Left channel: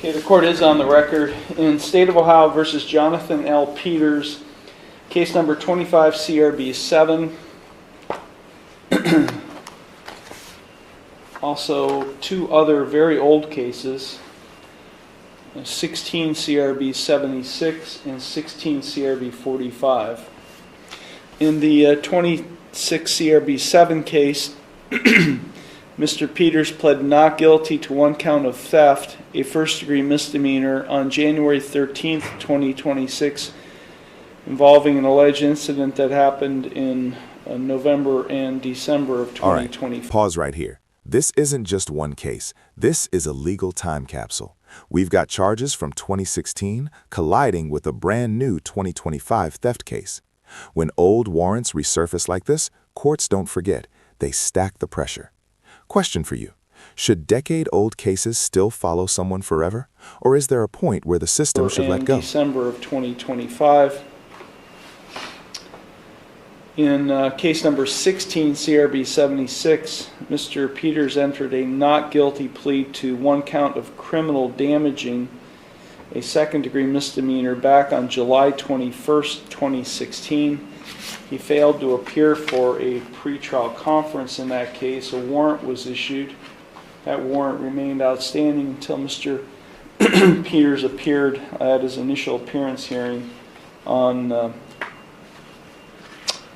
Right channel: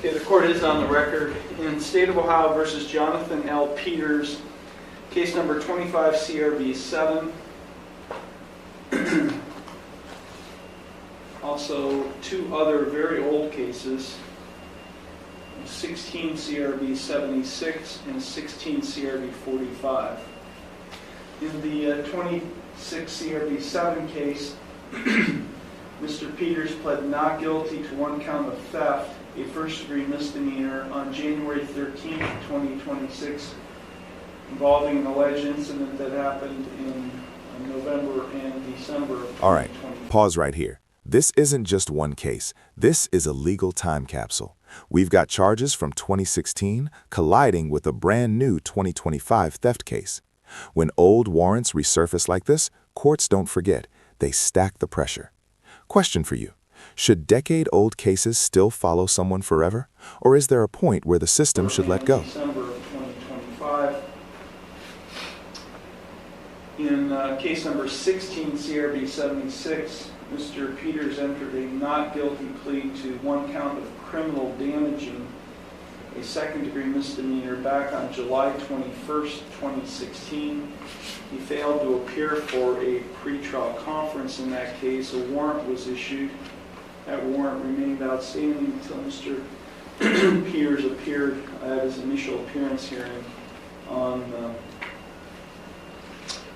Okay, the court is on the record. In State of Ohio versus Jonathan L. Peters, case number 25 CRB 7. Also, two other very old cases, 16 CRB 76 and 16 CRB 45. In the 26 CRB 7 case, Mr. Peters pled not guilty to one count of theft, a first-degree misdemeanor, on January 13th, 2026, involving an alleged incident that happened in November and December of 2025. All right, pause right here. This isn't just one case. This is a legal time capsule. We've got charges from 2016 colliding with a brand new 2025 theft case. When old warrants resurface like this, courts don't forget. They stack the pressure. Question for you. Should decade-old cases still follow someone forever? Or is there a point where the system should let go? December of 2025. In case number 16, CRB 76, Mr. Peters entered a not guilty plea to one count of criminal damaging a second-degree misdemeanor back on July 21st, 2016. He failed to appear for a pretrial conference in that case. A warrant was issued. That warrant remained outstanding until Mr. Peters appeared at his initial appearance hearing on the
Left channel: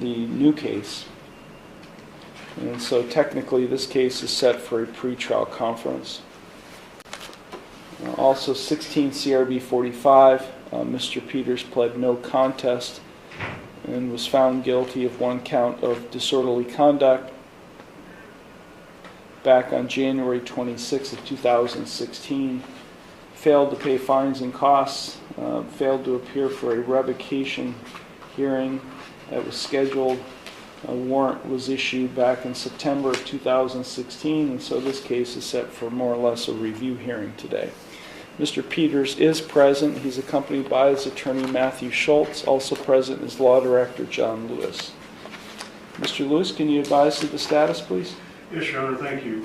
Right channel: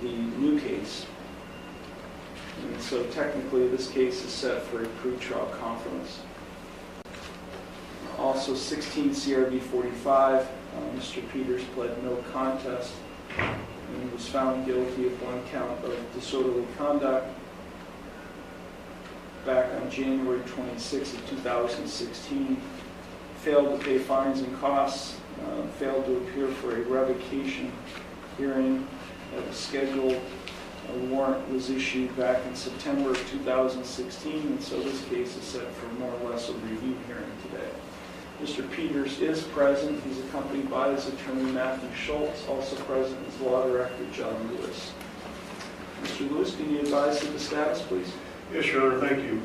new case. And so technically this case is set for a pretrial conference. Also 16 CRB 45, Mr. Peters pled no contest and was found guilty of one count of disorderly conduct back on January 26th of 2016. Failed to pay fines and costs, failed to appear for a revocation hearing that was scheduled. A warrant was issued back in September of 2016, and so this case is set for more or less a review hearing today. Mr. Peters is present. He's accompanied by his attorney, Matthew Schultz. Also present is Law Director John Lewis. Mr. Lewis, can you advise of the status, please? Yes, Your Honor, thank you.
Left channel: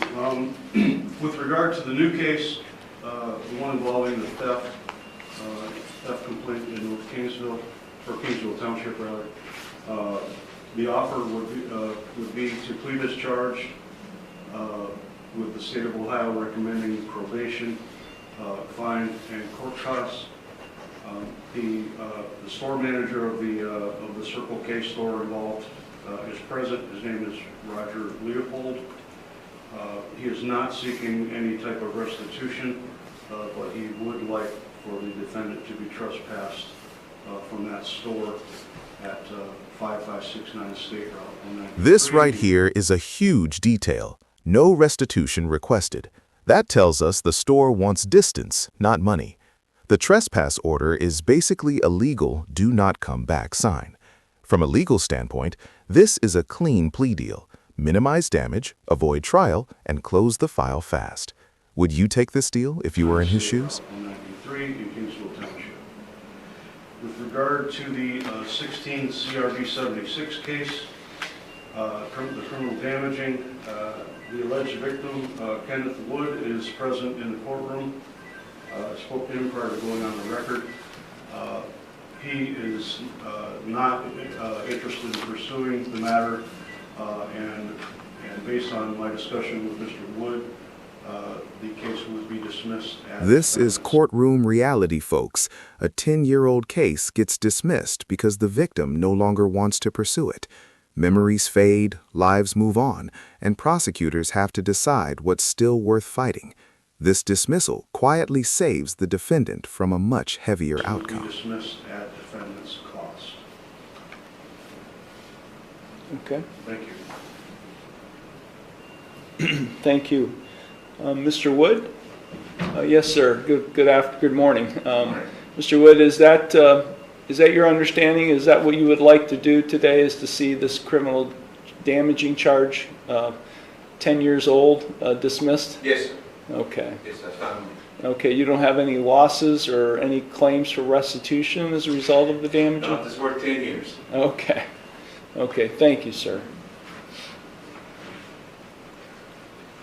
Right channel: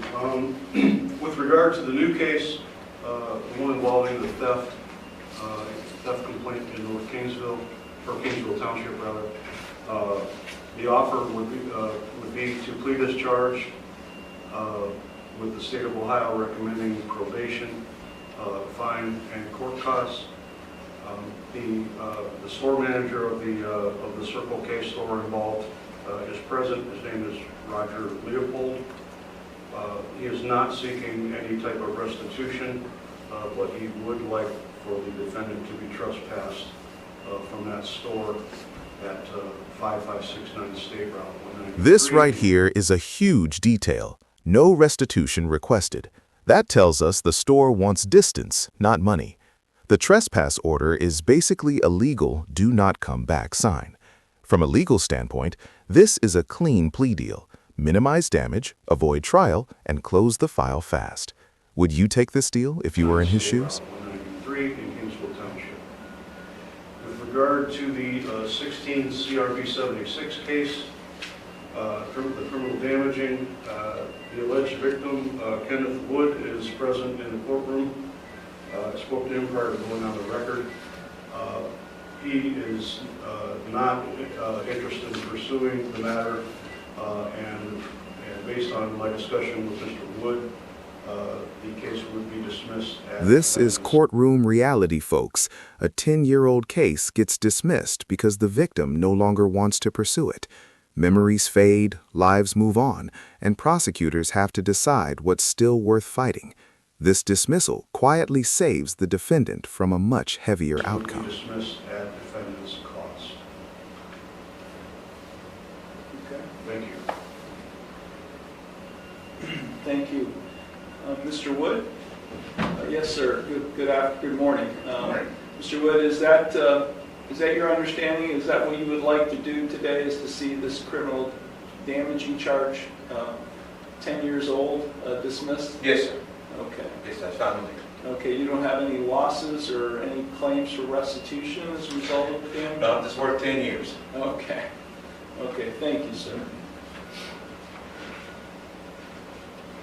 With regard to the new case, the one involving the theft complaint in North Kingsville, or Kingsville Township, rather, the offer would be to plea discharge with the state of Ohio recommending probation, fine, and court costs. The store manager of the Circle K store involved is present. His name is Roger Leopold. He is not seeking any type of restitution, but he would like for the defendant to be trespassed from that store at 5569 State Route 193. This right here is a huge detail. No restitution requested. That tells us the store wants distance, not money. The trespass order is basically a legal do not come back sign. From a legal standpoint, this is a clean plea deal. Minimize damage, avoid trial, and close the file fast. Would you take this deal if you were in his shoes? 193 in Kingsville Township. With regard to the 16 CRB 76 case, the criminal damaging, the alleged victim, Kenneth Wood, is present in the courtroom. I spoke to him prior to going on the record. He is not interested in pursuing the matter, and based on my discussion with Mr. Wood, the case will be dismissed. This is courtroom reality, folks. A 10-year-old case gets dismissed because the victim no longer wants to pursue it. Memories fade, lives move on, and prosecutors have to decide what's still worth fighting. This dismissal quietly saves the defendant from a much heavier outcome. Dismissed at defendant's cost. Okay. Thank you. Thank you. Mr. Wood? Yes, sir. Good morning. Mr. Wood, is that your understanding? Is that what you would like to do today, is to see this criminal damaging charge, 10 years old, dismissed? Yes, sir. Okay. Yes, I found it. Okay, you don't have any losses or any claims for restitution as a result of the damage? No, it's worth 10 years. Okay. Okay, thank you, sir.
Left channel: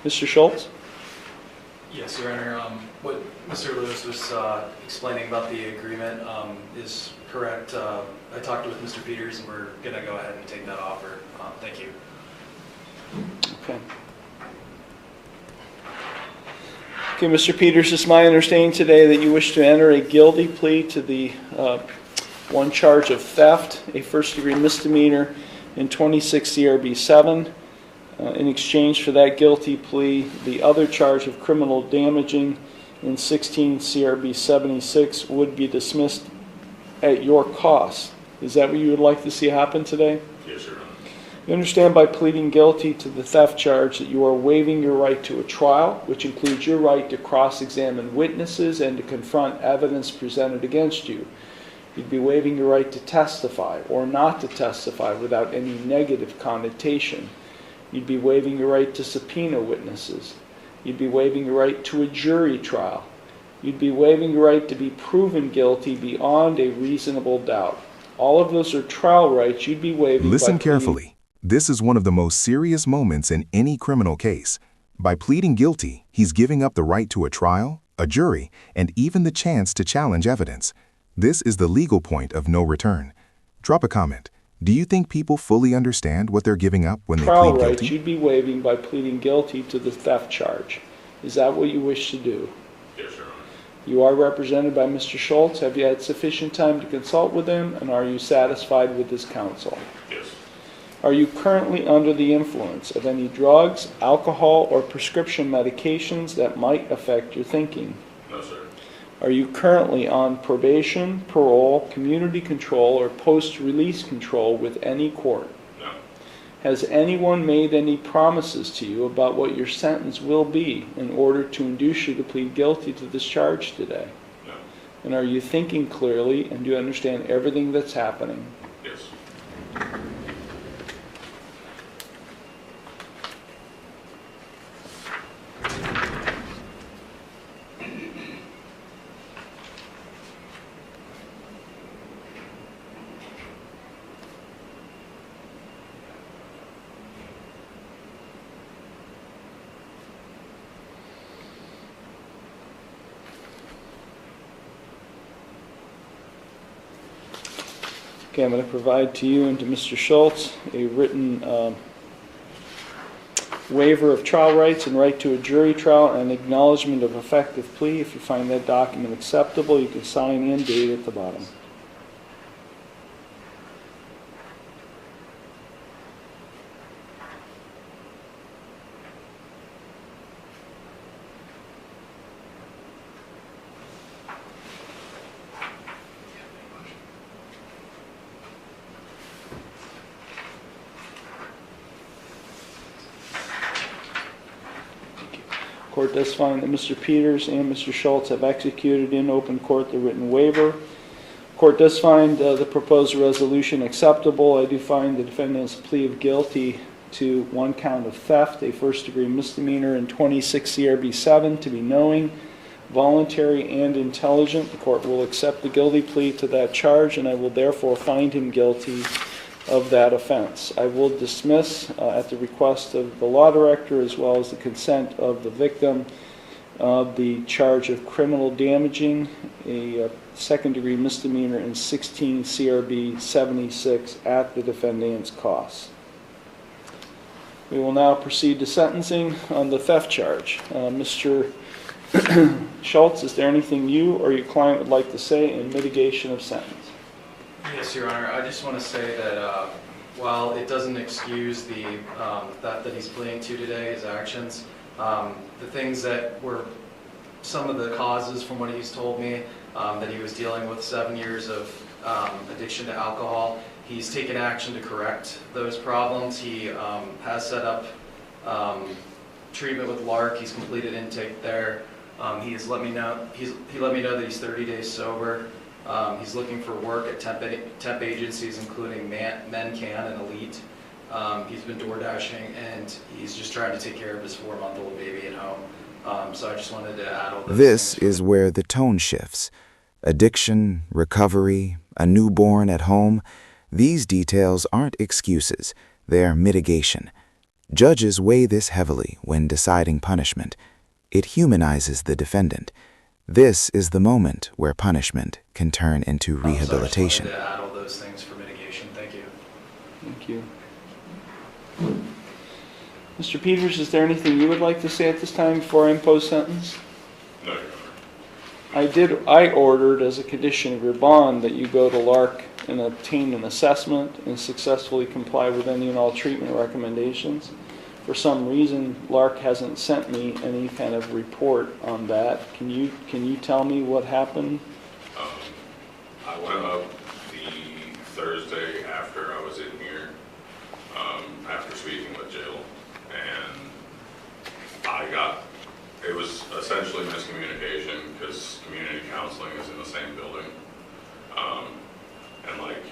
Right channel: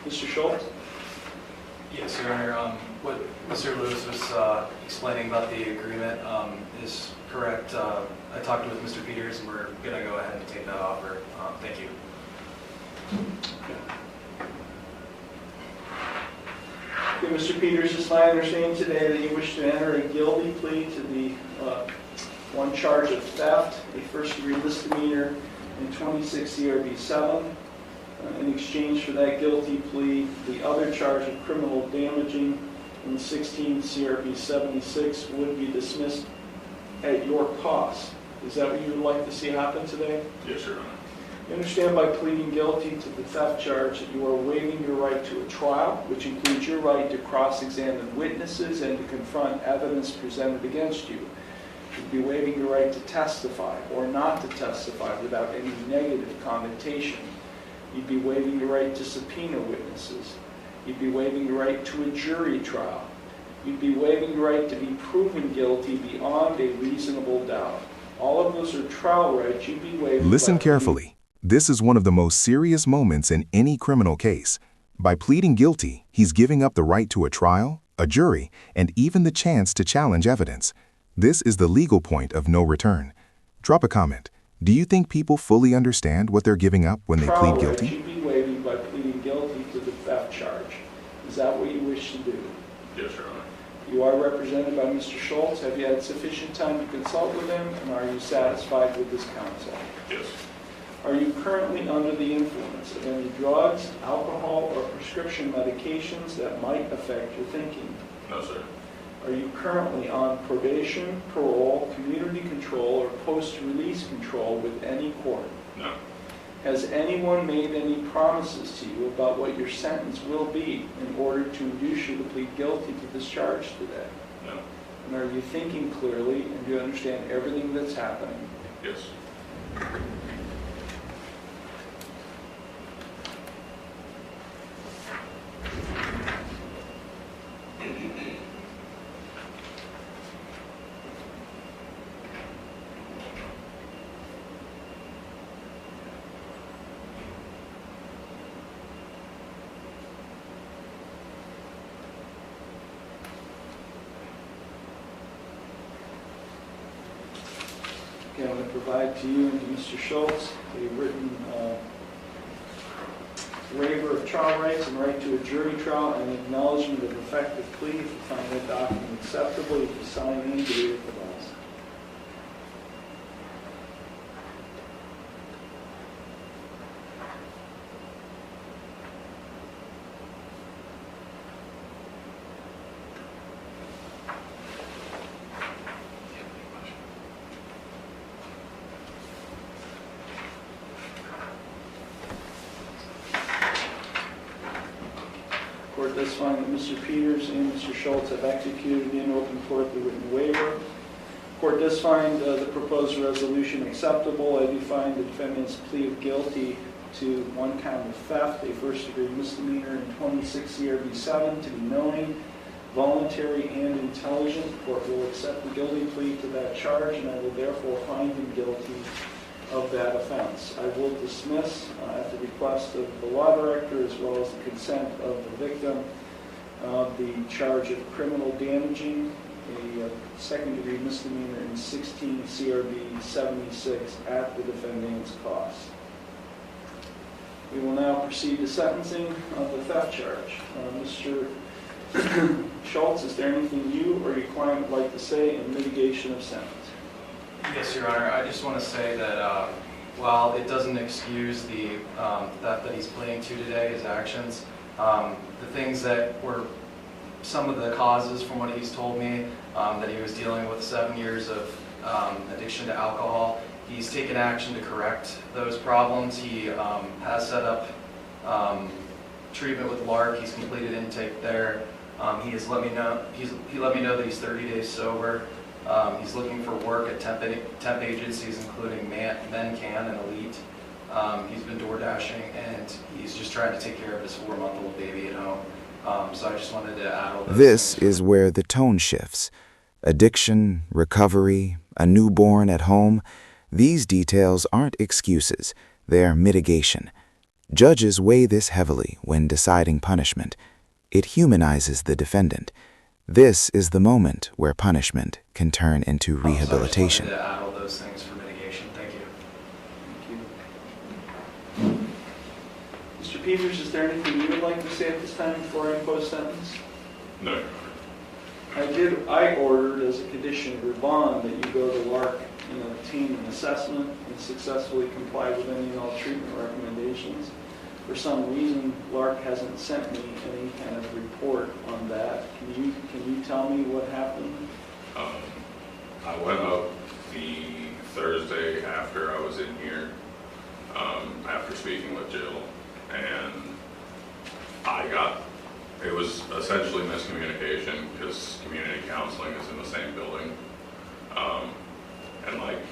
Mr. Schultz? Yes, Your Honor. What Mr. Lewis was explaining about the agreement is correct. I talked with Mr. Peters, and we're going to go ahead and take that offer. Thank you. Okay. Okay, Mr. Peters, it's my understanding today that you wish to enter a guilty plea to the one charge of theft, a first-degree misdemeanor in 26 CRB 7. In exchange for that guilty plea, the other charge of criminal damaging in 16 CRB 76 would be dismissed at your cost. Is that what you would like to see happen today? Yes, Your Honor. You understand by pleading guilty to the theft charge that you are waiving your right to a trial, which includes your right to cross-examine witnesses and to confront evidence presented against you. You'd be waiving your right to testify or not to testify without any negative connotation. You'd be waiving your right to subpoena witnesses. You'd be waiving your right to a jury trial. You'd be waiving your right to be proven guilty beyond a reasonable doubt. All of those are trial rights you'd be waiving. Listen carefully. This is one of the most serious moments in any criminal case. By pleading guilty, he's giving up the right to a trial, a jury, and even the chance to challenge evidence. This is the legal point of no return. Drop a comment. Do you think people fully understand what they're giving up when they plead guilty? You'd be waiving by pleading guilty to the theft charge. Is that what you wish to do? Yes, Your Honor. You are represented by Mr. Schultz. Have you had sufficient time to consult with him, and are you satisfied with his counsel? Yes. Are you currently under the influence of any drugs, alcohol, or prescription medications that might affect your thinking? No, sir. Are you currently on probation, parole, community control, or post-release control with any court? No. Has anyone made any promises to you about what your sentence will be in order to induce you to plead guilty to this charge today? No. And are you thinking clearly, and do you understand everything that's happening? Yes. Okay, I'm going to provide to you and to Mr. Schultz a written waiver of trial rights and right to a jury trial and acknowledgement of effective plea. If you find that document acceptable, you can sign and date at the bottom. Court does find that Mr. Peters and Mr. Schultz have executed in open court the written waiver. Court does find the proposed resolution acceptable. I do find the defendant's plea of guilty to one count of theft, a first-degree misdemeanor in 26 CRB 7, to be knowing, voluntary, and intelligent. The court will accept the guilty plea to that charge, and I will therefore find him guilty of that offense. I will dismiss at the request of the law director as well as the consent of the victim the charge of criminal damaging, a second-degree misdemeanor in 16 CRB 76 at the defendant's cost. We will now proceed to sentencing on the theft charge. Mr. Schultz, is there anything you or your client would like to say in mitigation of sentence? Yes, Your Honor. I just want to say that while it doesn't excuse the theft that he's pleading to today, his actions, the things that were some of the causes from what he's told me, that he was dealing with 7 years of addiction to alcohol, he's taken action to correct those problems. He has set up treatment with LARC. He's completed intake there. He let me know that he's 30 days sober. He's looking for work at temp agencies, including MenCan and Elite. He's been door dashing, and he's just trying to take care of his 4-month-old baby at home. So I just wanted to add all that. This is where the tone shifts. Addiction, recovery, a newborn at home. These details aren't excuses, they're mitigation. Judges weigh this heavily when deciding punishment. It humanizes the defendant. This is the moment where punishment can turn into rehabilitation. So I just wanted to add all those things for mitigation. Thank you. Thank you. Mr. Peters, is there anything you would like to say at this time before I impose sentence? No. I ordered as a condition of your bond that you go to Lark and obtain an assessment and successfully comply with any and all treatment recommendations. For some reason, Lark hasn't sent me any kind of report on that. Can you tell me what happened? I went up the Thursday after I was in here, after speaking with Jill, and it was essentially miscommunication because community counseling is in the same building. And like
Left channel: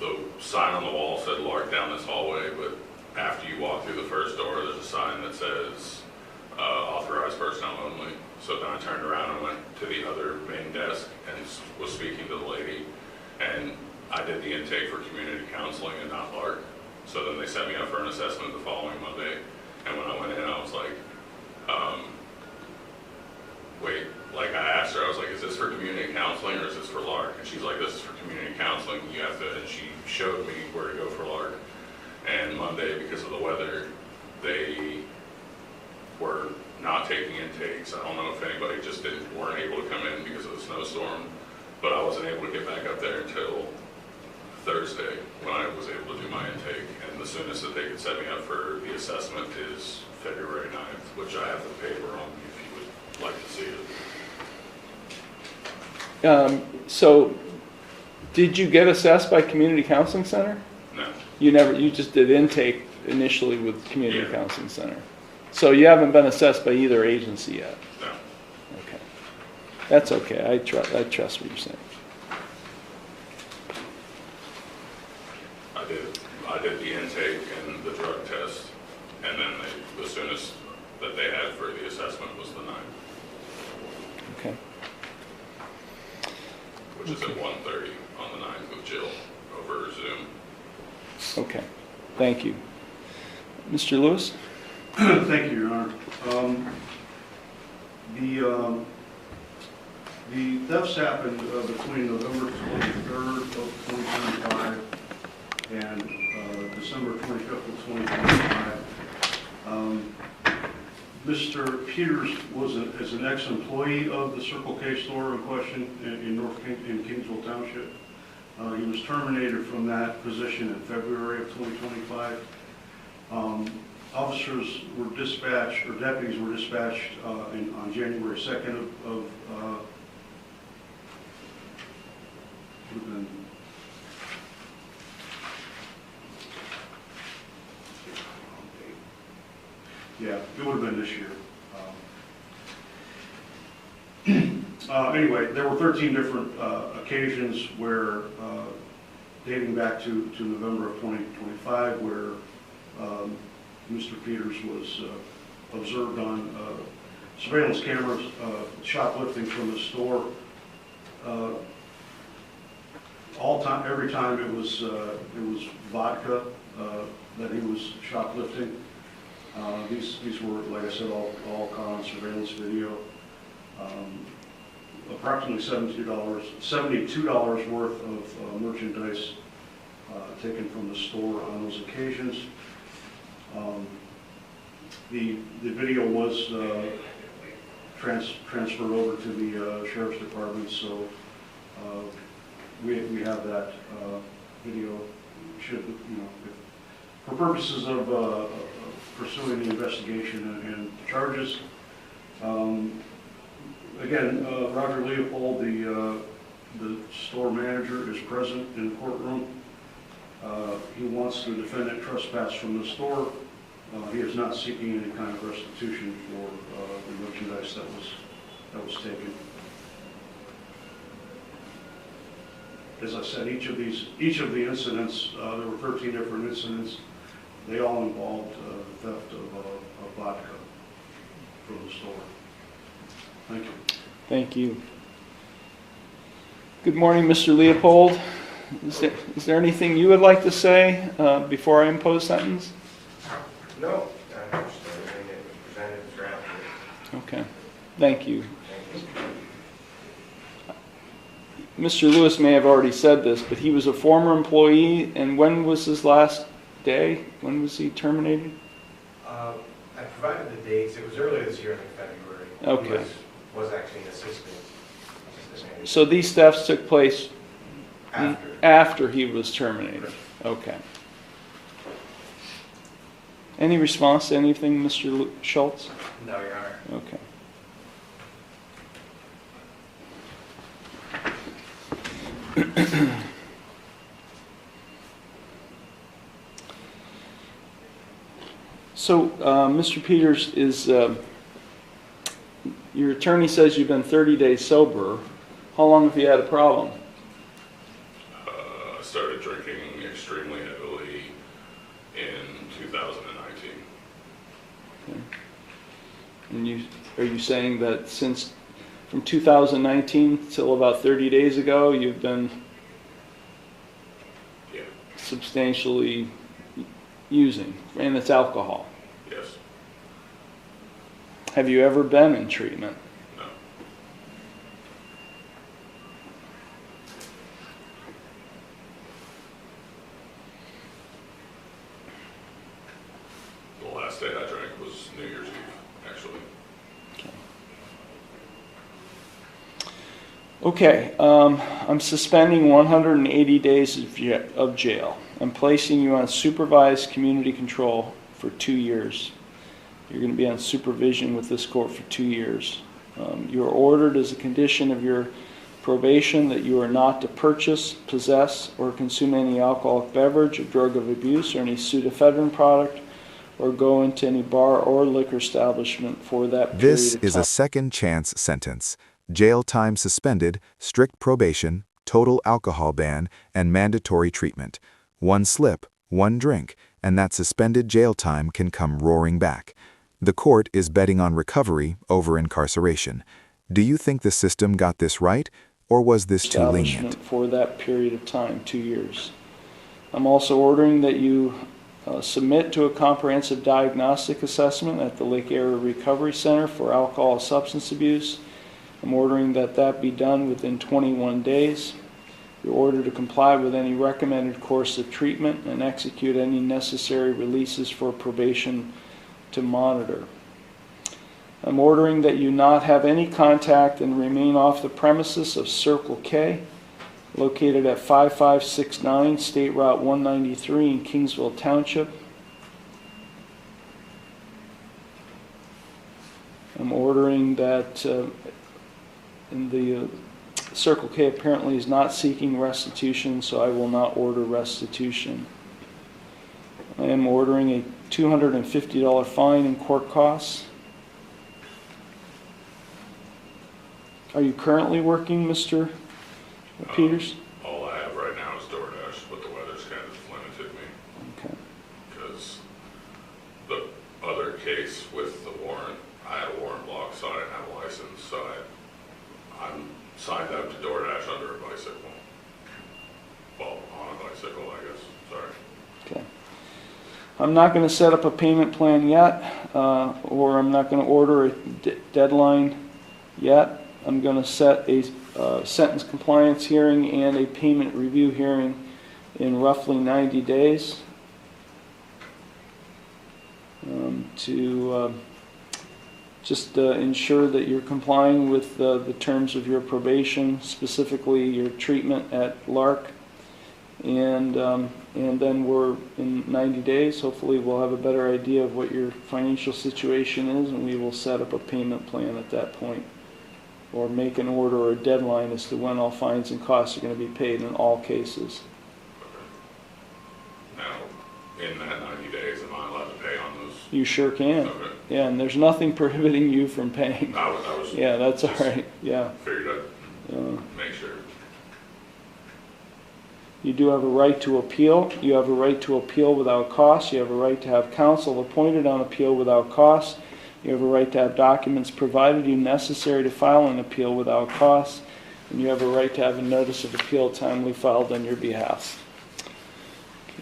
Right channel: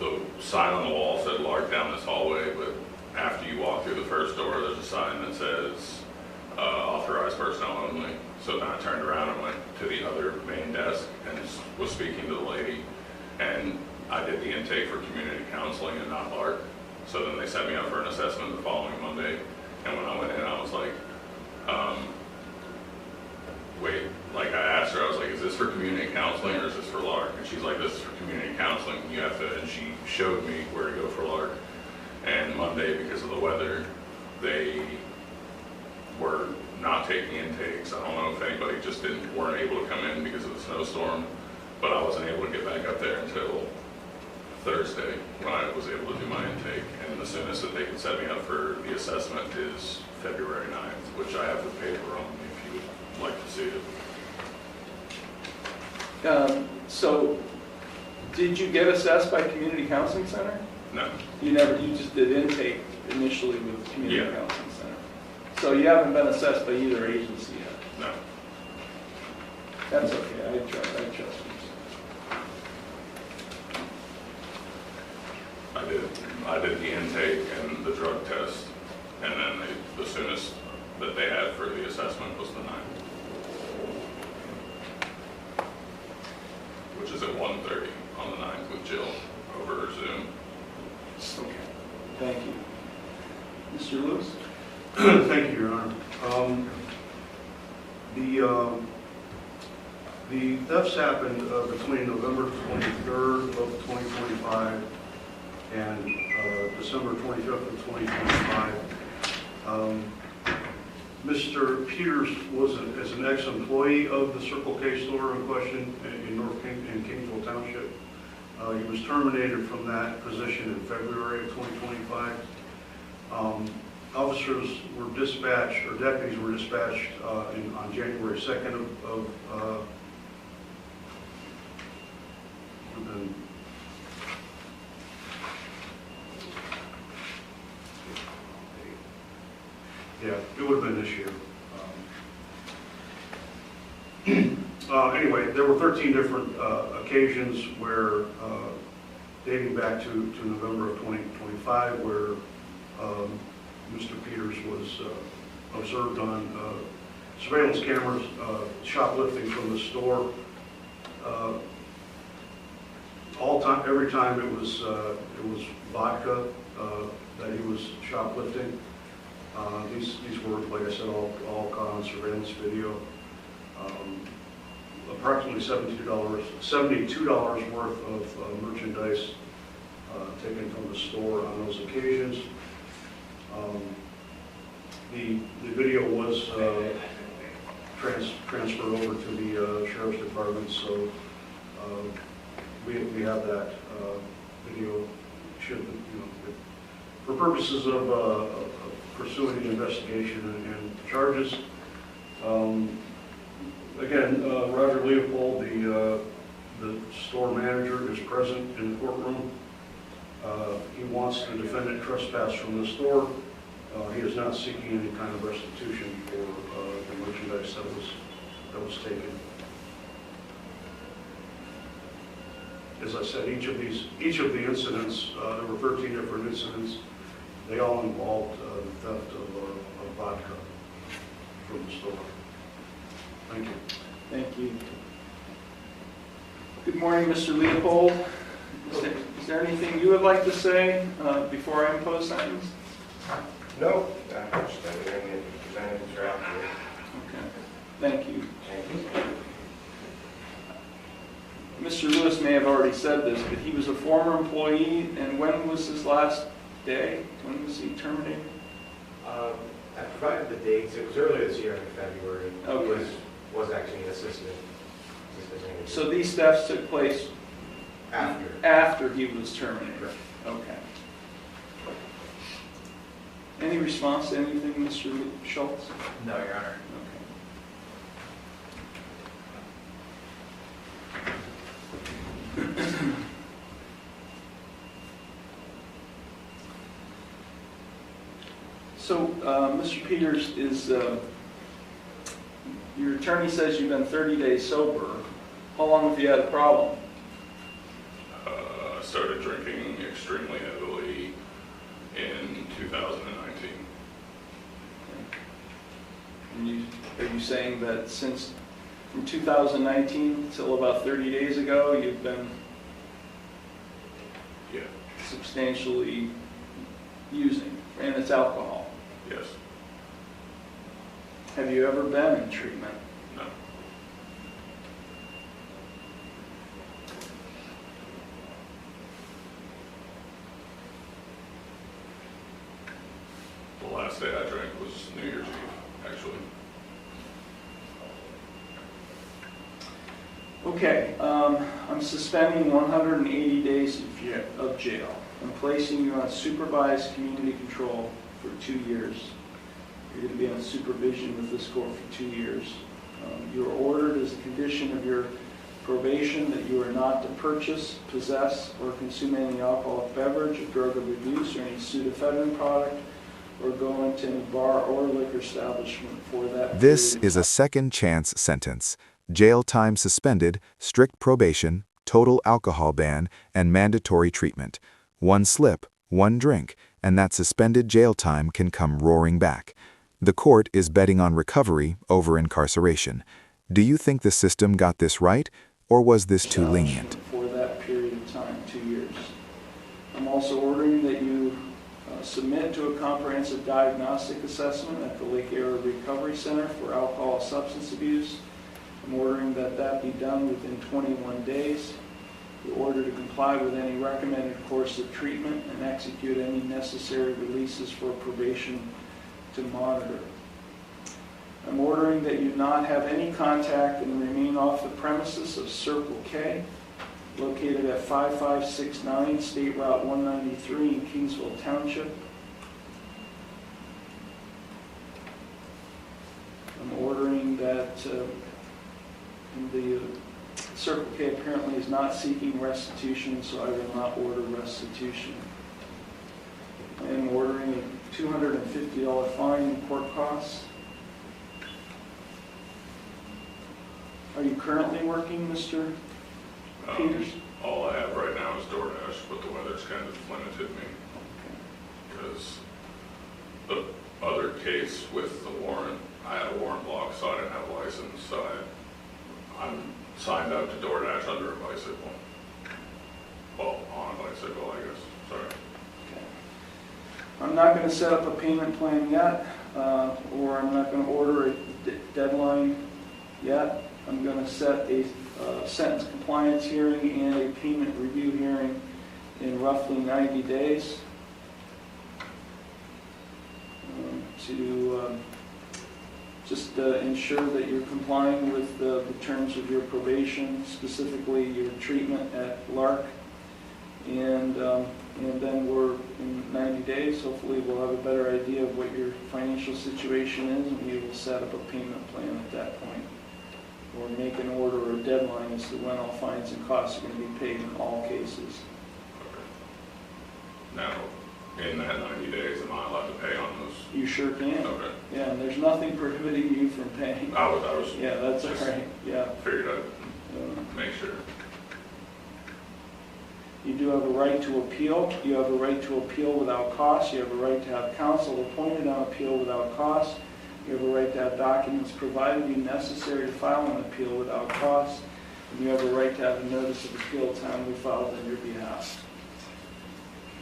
the sign on the wall said Lark down this hallway, but after you walk through the first door, there's a sign that says authorized personnel only. So then I turned around and went to the other main desk and was speaking to the lady, and I did the intake for community counseling and not Lark. So then they set me up for an assessment the following Monday, and when I went in, I was like, wait, like I asked her, I was like, is this for community counseling or is this for Lark? And she's like, this is for community counseling. You have to, and she showed me where to go for Lark. And Monday, because of the weather, they were not taking intakes. I don't know if anybody just weren't able to come in because of the snowstorm, but I wasn't able to get back up there until Thursday when I was able to do my intake. And the soonest that they could set me up for the assessment is February 9th, which I have the paper on if you would like to see it. So, did you get assessed by Community Counseling Center? No. You just did intake initially with Community Yeah. Counseling Center. So you haven't been assessed by either agency yet? No. Okay. That's okay. I trust what you're saying. I did the intake and the drug test, and then the soonest that they had for the assessment was the 9th, Okay. which is at 1:30 on the 9th with Jill over Zoom. Okay. Thank you. Mr. Lewis? Thank you, Your Honor. The thefts happened between November 23rd of 2025 and December 25th of 2025. Mr. Peters is an ex-employee of the Circle K store in question in Kingsville Township. He was terminated from that position in February of 2025. Officers were dispatched, or deputies were dispatched on January 2nd yeah, it would have been this year. Anyway, there were 13 different occasions where, dating back to November of 2025, where Mr. Peters was observed on surveillance cameras shoplifting from the store. Every time it was vodka that he was shoplifting. These were, like I said, all caught on surveillance video. Approximately $72 worth of merchandise taken from the store on those occasions. The video was transferred over to the Sheriff's Department, so we have that video. Should, for purposes of pursuing the investigation and charges. Again, Roger Leopold, the store manager, is present in the courtroom. He wants the defendant trespass from the store. He is not seeking any kind of restitution for the merchandise that was taken. As I said, each of the incidents, there were 13 different incidents. They all involved the theft of vodka from the store. Thank you. Thank you. Good morning, Mr. Leopold. Is there anything you would like to say before I impose sentence? No, I understand everything that you presented throughout Thank you. Mr. Lewis may have already said this, but he was a former employee, and when was his last day? When was he terminated? I provided the dates. It was earlier this year in February. Okay. He was actually an assistant manager. So these thefts took place after he was terminated? Right. Okay. Any response to anything, Mr. Schultz? No, Your Honor. Okay. So, Mr. Peters, your attorney says you've been 30 days sober. How long have you had a problem? I started drinking extremely heavily in 2019. And are you saying that since from 2019 till about 30 days ago, you've been Yeah. substantially using, and it's alcohol? Yes. Have you ever been in treatment? No. The last day I drank was New Year's Eve, actually. Okay, I'm suspending 180 days of jail. I'm placing you on supervised community control for 2 years. You're going to be on supervision with this court for 2 years. You are ordered as a condition of your probation that you are not to purchase, possess, or consume any alcoholic beverage or drug of abuse or any pseudoephedrine product or go into any bar or liquor establishment for that period This of is time. a second chance sentence. Jail time suspended, strict probation, total alcohol ban, and mandatory treatment. One slip, one drink, and that suspended jail time can come roaring back. The court is betting on recovery over incarceration. Do you think the system got this right, or was this too lenient? For that period of time, 2 years. I'm also ordering that you submit to a comprehensive diagnostic assessment at the Lake Area Recovery Center for alcohol and substance abuse. I'm ordering that that be done within 21 days. You're ordered to comply with any recommended course of treatment and execute any necessary releases for probation to monitor. I'm ordering that you not have any contact and remain off the premises of Circle K, located at 5569 State Route 193 in Kingsville Township. I'm ordering that Circle K apparently is not seeking restitution, so I will not order restitution. I am ordering a $250 fine and court costs. Are you currently working, Mr. Peters? All I have right now is DoorDash, but the weather's kind of limited me. Okay. Because the other case with the warrant, I had a warrant block, so I didn't have a license, so I'm signed up to DoorDash under a bicycle. Well, on a bicycle, I guess, sorry. Okay. I'm not going to set up a payment plan yet, or I'm not going to order a deadline yet. I'm going to set a sentence compliance hearing and a payment review hearing in roughly 90 days to just ensure that you're complying with the terms of your probation, specifically your treatment at LARC. And then we're in 90 days, hopefully we'll have a better idea of what your financial situation is, and we will set up a payment plan at that point, or make an order or a deadline as to when all fines and costs are going to be paid in all cases. Now, in that 90 days, am I allowed to pay on those? You sure can. Okay. Yeah, and there's nothing prohibiting you from paying. I was Yeah, that's all right. Yeah. figured I'd make sure. You do have a right to appeal. You have a right to appeal without cost. You have a right to have counsel appointed on appeal without cost. You have a right to have documents provided you necessary to file an appeal without cost. And you have a right to have a notice of appeal timely filed on your behalf.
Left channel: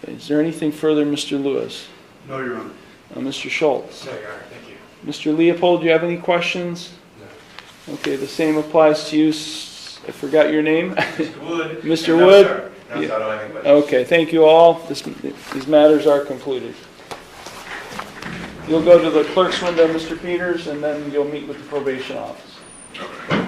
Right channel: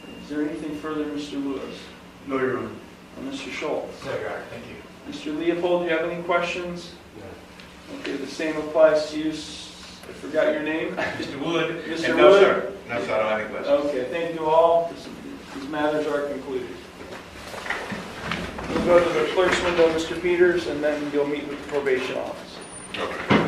Okay. Is there anything further, Mr. Lewis? No, Your Honor. Mr. Schultz? No, Your Honor, thank you. Mr. Leopold, do you have any questions? Okay, the same applies to you. I forgot your name. Mr. Wood? Mr. No, Wood? sir. No, sir, I don't have any questions. Okay, thank you all. These matters are concluded. You'll go to the clerk's window, Mr. Peters, and then you'll meet with the probation office. Okay.